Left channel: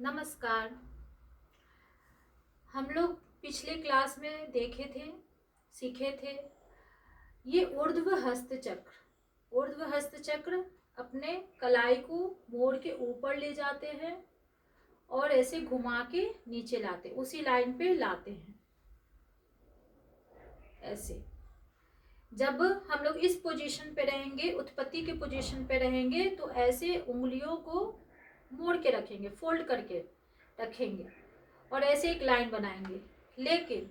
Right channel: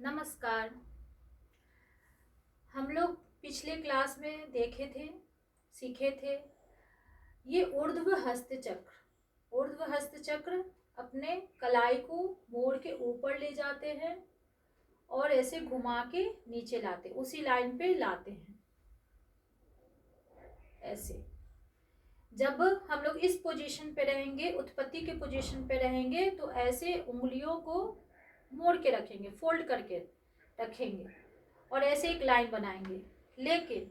नमस्कार। हम लोग पिछले क्लास में सीखे थे ये ऊर्ध्व हस्त चक्र। ऊर्ध्व हस्त चक्र अपने कलाई को मोड़ के ऊपर ले जाते हैं और ऐसे घुमा के नीचे लाते, उसी लाइन पे लाते हैं। ऐसे जब हम लोग इस पोजीशन पे रहेंगे, उत्पत्ति के पोजीशन पे रहेंगे, तो ऐसे उंगलियों को मोड़ के रखेंगे, फोल्ड करके रखेंगे और ऐसे एक लाइन बनाएंगे। लेकिन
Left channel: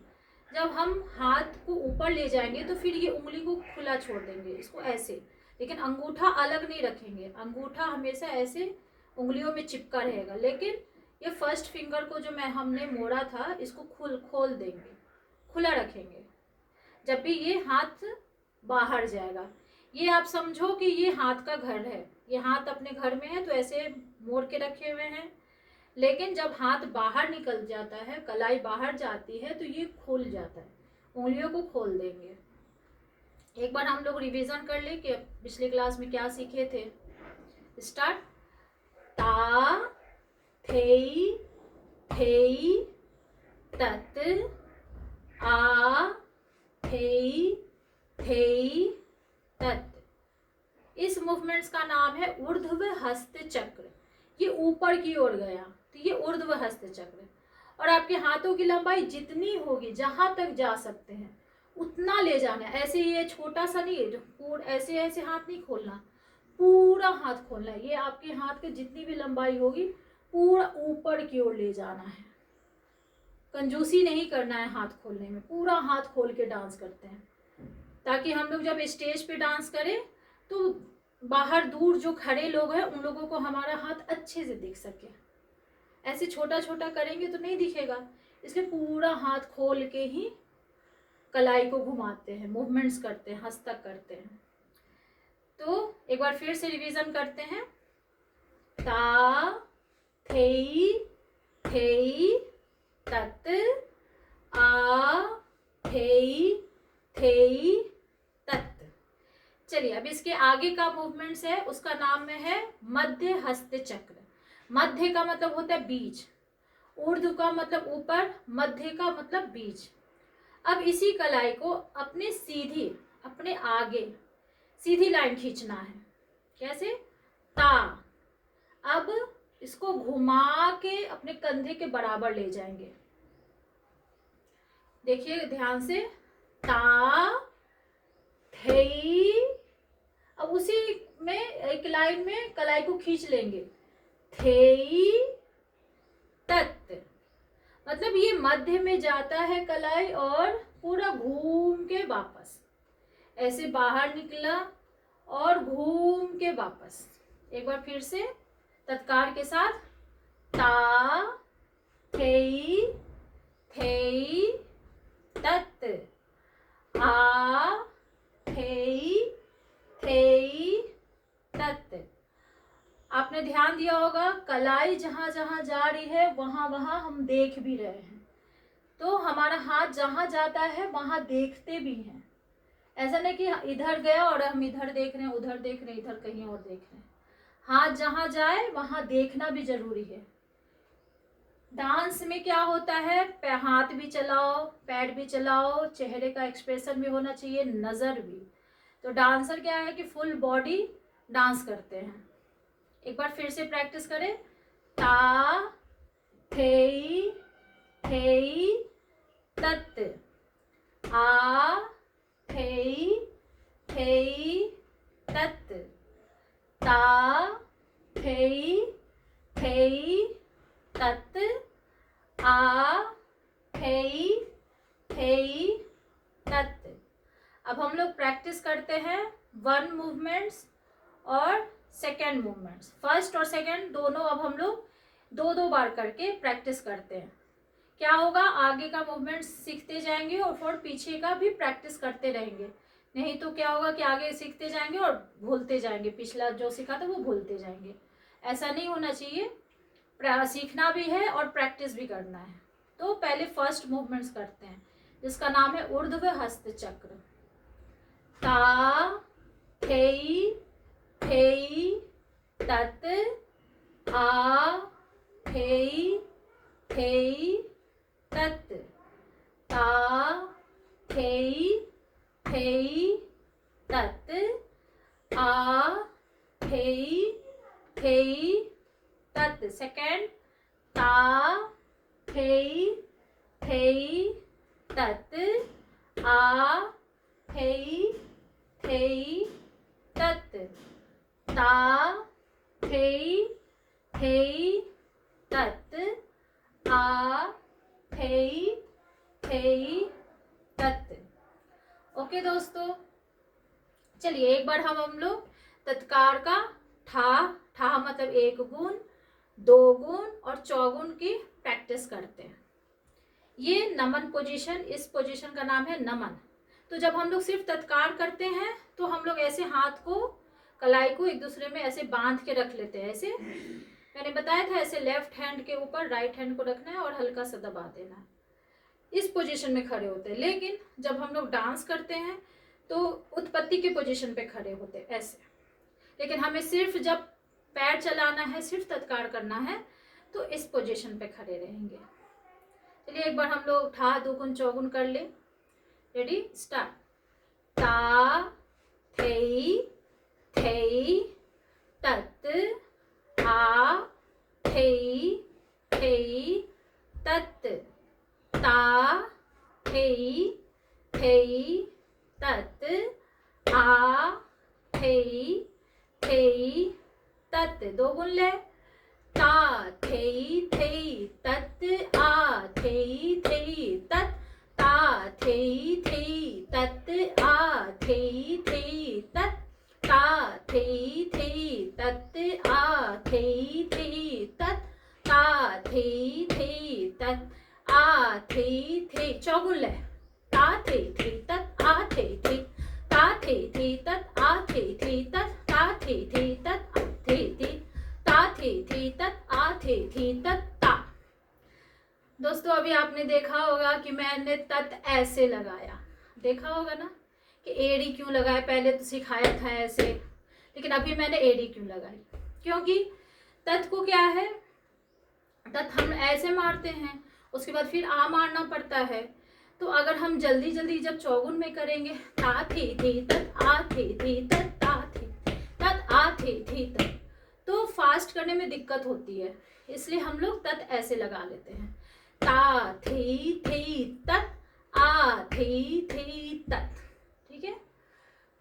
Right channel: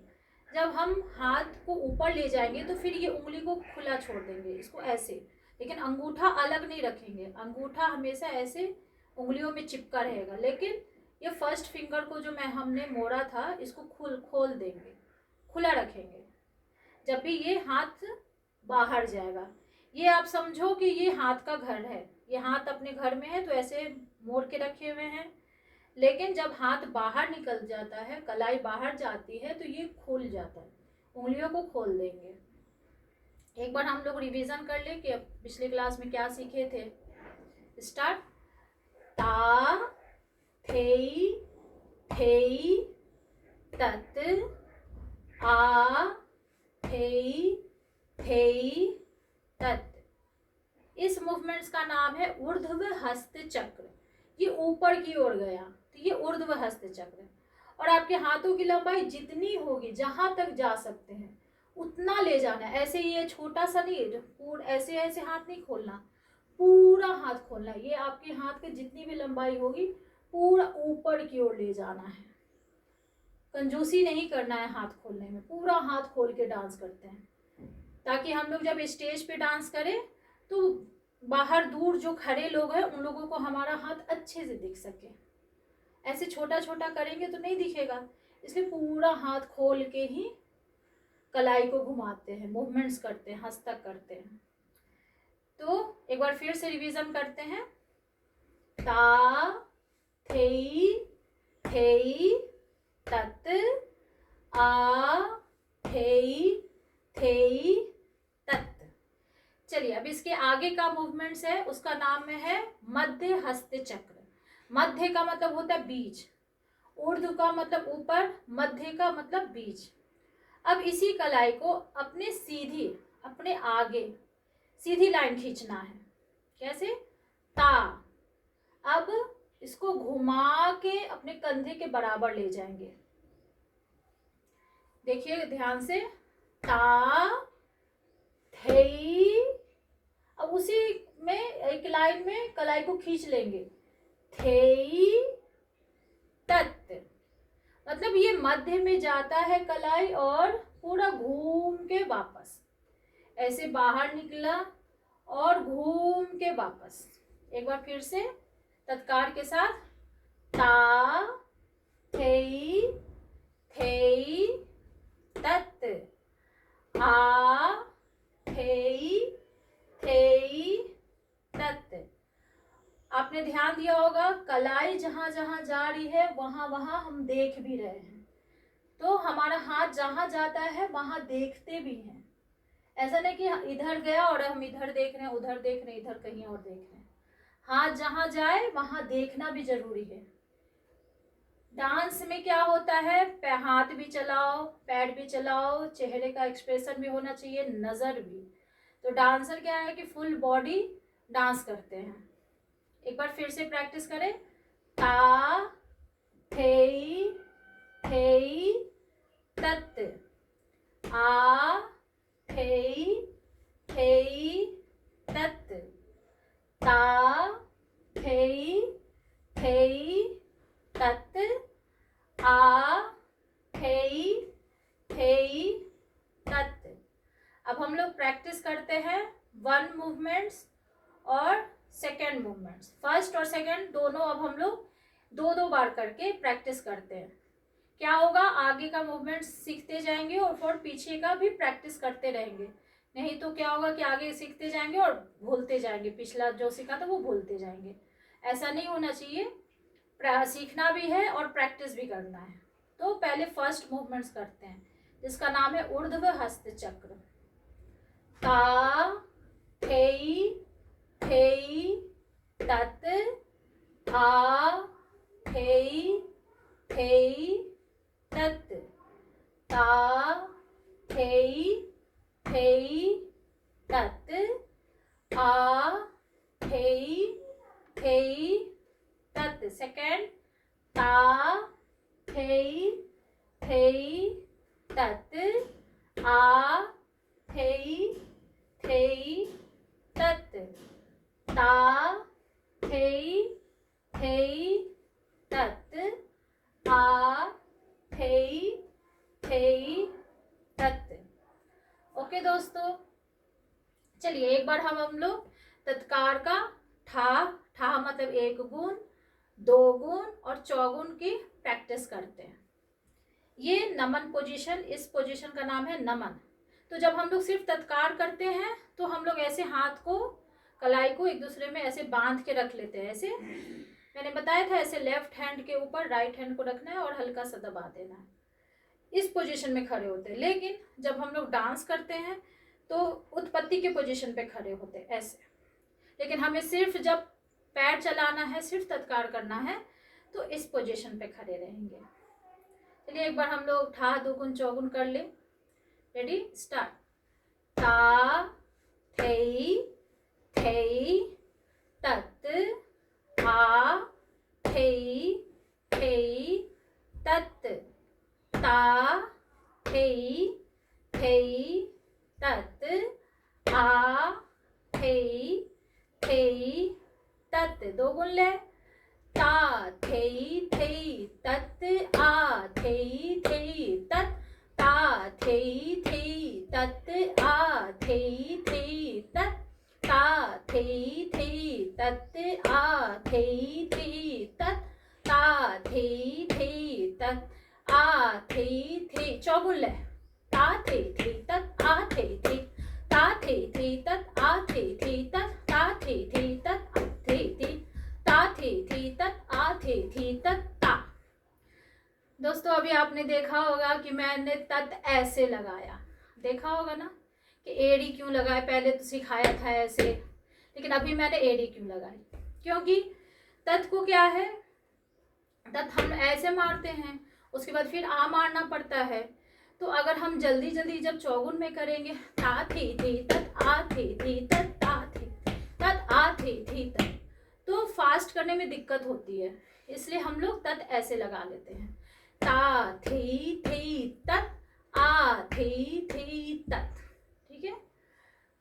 जब हम हाथ को ऊपर ले जाएंगे तो फिर ये उंगली को खुला छोड़ देंगे, इसको ऐसे। लेकिन अंगूठा अलग नहीं रखेंगे, अंगूठा हमेशा ऐसे उंगलियों में चिपका रहेगा। लेकिन ये फर्स्ट फिंगर को जो हमने मोड़ा था, इसको खोल देंगे, खुला रखेंगे जब भी ये हाथ बाहर जाएगा। ये आप समझो कि ये हाथ का घर है, ये हाथ अपने घर में है तो ऐसे मोड़ के रखे हुए हैं। लेकिन जब हाथ बाहर निकल जाता है, कलाई बाहर जाती है, तो ये खुल जाता है, उंगलियों को खोल देंगे। एक बार हम लोग रिवीजन कर ले कि पिछले क्लास में क्या सीखे थे। स्टार्ट। ता थेई थेई तत आ थेई थेई तत। इस मूवमेंट्स का नाम है ऊर्ध्व हस्त चक्र। ये ऊपर की ओर गया तो ये ऊर्ध्व हस्त चक्र। और आपके हाथों की लंबाई जितनी होगी, जहां तक जा सकते हैं उतना ले जाना है। ऐसे ये छोटा सा नहीं है, पूरा ऐसे ऐसे हाथ नहीं खोलना, पूरा हाथ खोलना है। ये आपके हाथ की जितनी भी लंबाई होगी पूरा ऊपर की ओर ले जाना है। कंजूसी नहीं करना है हाथ खोलने में, पूरा हाथ खोल के डांस करते हैं ताकि हम लोग जब स्टेज पे डांस करें तो बाहर दूर जो खड़े लोग हैं उन लोगों को हमारा हाथ अच्छे से दिख सके। ऐसे छोटा छोटा करेंगे तो नहीं दिखेगा, इसलिए पूरा हाथ खोल के ही कलाई को घुमाते हैं, मूवमेंट्स करते हैं, हस्तक करते हैं। तो एक बार फिर से रिवीजन करते हैं। ता थेई थेई तत आ थेई थेई तत। चलिए अब इसके आगे का मूवमेंट्स है, उसका नाम में है मध्य हस्त चक्र। मध्य का मतलब होता है बीच, ऊर्ध्व का मतलब ऊपर, मध्य का मतलब बीच। अब इसी कलाई को अपने आगे सीधी लाइन खींचना है। कैसे? ता। अब इसको घुमा के अपने कंधे के बराबर ले जाएंगे। देखिए ध्यान से। ता थेई, अब उसी में एक लाइन में कलाई को खींच लेंगे। थेई तत, मतलब ये मध्य में जाता है कलाई और पूरा घूम के वापस ऐसे बाहर निकला और घूम के वापस। एक बार फिर से तत्कार के साथ। ता थेई थेई तत आ थेई थेई तत। आपने ध्यान दिया होगा कलाई जहां जहां जा रही है वहां वहां हम देख भी रहे हैं, तो हमारा हाथ जहां जाता है वहां देखते भी हैं। ऐसा नहीं कि इधर गया और हम इधर देख रहे हैं, उधर देख रहे हैं, इधर कहीं और देख रहे हैं। हाथ जहां जाए वहां देखना भी जरूरी है। डांस में क्या होता है, हाथ भी चलाओ, पैर भी चलाओ, चेहरे का एक्सप्रेशन भी होना चाहिए, नजर भी। तो डांसर क्या है कि फुल बॉडी डांस करते हैं। एक बार फिर से प्रैक्टिस करें। ता थेई थेई तत आ थेई थेई तत ता थेई थेई तत आ थेई थेई तत। अब हम लोग प्रैक्टिस करते हैं वन मूवमेंट्स और सेकेंड मूवमेंट्स। फर्स्ट और सेकेंड दोनों अब हम लोग दो दो बार करके प्रैक्टिस करते हैं। क्या होगा, आगे का मूवमेंट सीखते जाएंगे और फिर पीछे का भी प्रैक्टिस करते रहेंगे। नहीं तो क्या होगा कि आगे सीखते जाएंगे और भूलते जाएंगे, पिछला जो सीखा था वो भूलते जाएंगे। ऐसा नहीं होना चाहिए, सीखना भी है और प्रैक्टिस भी करना है। तो पहले फर्स्ट मूवमेंट्स करते हैं जिसका नाम है ऊर्ध्व हस्त चक्र। ता थेई थेई तत आ थे थेई थेई तत ता थेई थेई तत आ थेई थेई तत। सेकेंड ता थेई थेई तत आ थेई थेई तत ता थेई थेई तत आ थेई थेई तत। ओके दोस्तों, चलिए एक बार हम लोग तत्कार का ठा ठा मतलब एक गुण, दो गुण और चौगुन की प्रैक्टिस करते हैं। ये नमन पोजीशन, इस पोजीशन का नाम है नमन। तो जब हम लोग सिर्फ तत्कार करते हैं तो हम लोग ऐसे हाथ को, कलाई को एक दूसरे में ऐसे बांध के रख लेते हैं। ऐसे मैंने बताया था, ऐसे लेफ्ट हैंड के ऊपर राइट हैंड को रखना है और हल्का सा दबा देना है। इस पोजीशन में खड़े होते हैं। लेकिन जब हम लोग डांस करते हैं तो उत्पत्ति के पोजीशन पे खड़े होते हैं ऐसे। लेकिन हमें सिर्फ जब पैर चलाना है, सिर्फ तत्कार करना है, तो इस पोजीशन पे खड़े रहेंगे। चलिए एक बार हम लोग ठा दुगुन चौगुन कर ले। Ready, start. ता थेई थेई तत आ थेई थेई तत ता थेई थेई तत आ थेई थेई तत। दो गुण ले। ता थेई थेई तत आ थेई थेई तत ता थेई थेई तत आ थेई थेई तत ता थेई थेई तत आ थेई थेई तत ता थेई थेई तत आ थेई थेई। चौगुन ले। ता थेई थेई तत आ थेई थेई ता थेई थेई तत आ थेई थेई तत ता थेई थेई तत आ थेई थेई ता थेई थेई तत आ थेई थेई तत ता। दोस्तों अभी आपने देखा होगा कि मैंने तत ऐसे लगाया, देखा होगा ना कि एड़ी क्यों लगाया। पहले तो सिखाया था ऐसे, लेकिन अभी मैंने एड़ी क्यों लगाई, क्योंकि तत को क्या है, तत हम ऐसे मारते हैं, उसके बाद फिर आ मारना पड़ता है। तो अगर हम जल्दी जल्दी जब चौगुन में करेंगे, ता थे तत आ थे तत ता थे तत आ थे तत, तो फास्ट करने में दिक्कत होती है। इसलिए हम लोग तत ऐसे लगा लेते हैं। ता थे तत आ थे तत। ठीक है,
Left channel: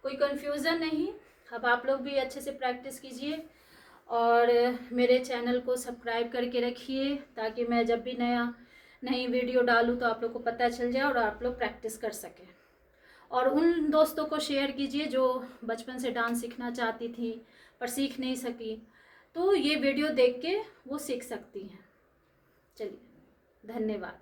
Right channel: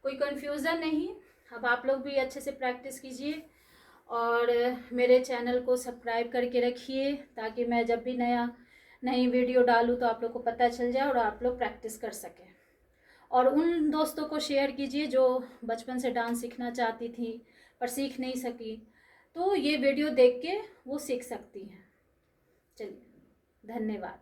कोई कंफ्यूजन नहीं। अब आप लोग भी अच्छे से प्रैक्टिस कीजिए और मेरे चैनल को सब्सक्राइब करके रखिए, ताकि मैं जब भी नई वीडियो डालूँ तो आप लोग को पता चल जाए और आप लोग प्रैक्टिस कर सकें। और उन दोस्तों को शेयर कीजिए जो बचपन से डांस सीखना चाहती थी पर सीख नहीं सकी, तो ये वीडियो देख के वो सीख सकती हैं। चलिए, धन्यवाद।